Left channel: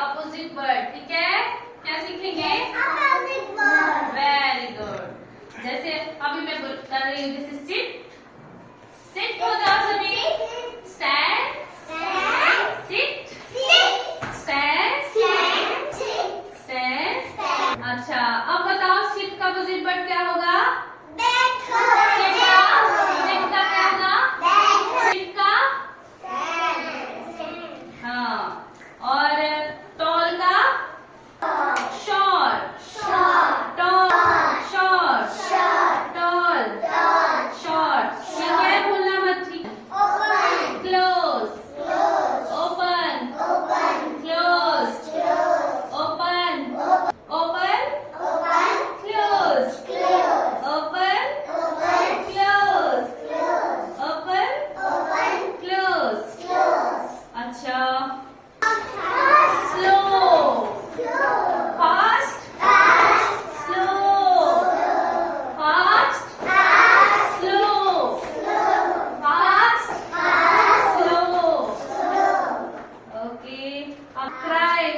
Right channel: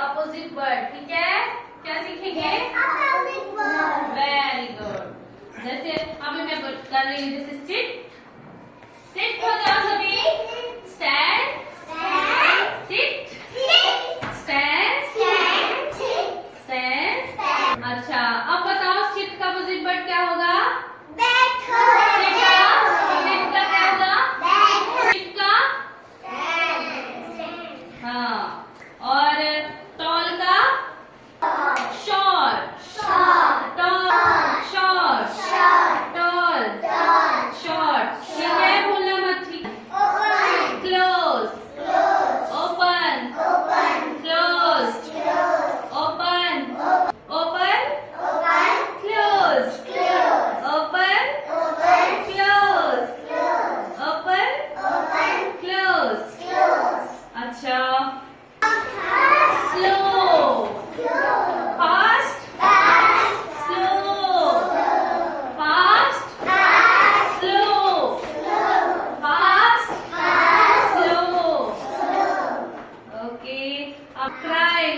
Opposite word, ठीक है। क्या सीखेंगे? Opposite word. Very good. जैसे अभी मैं कर रही हूँ, जैसे सिट, सिट हो जाओ सभी। Stand, sit, stand, stand. अच्छा, अब बताओ सिट का अपोजिट वर्ड क्या होगा? बैठो। सिट का क्या होगा? सिट का? हाँ, और टॉल का? Short, tall, short, tall, short. ठीक है, बोलना मत, ठीक है। Close, open, close, open, open, close, open, close, open, close. अच्छा, slow, fast, slow, fast, slow, fast, slow. Okay, अब क्राई,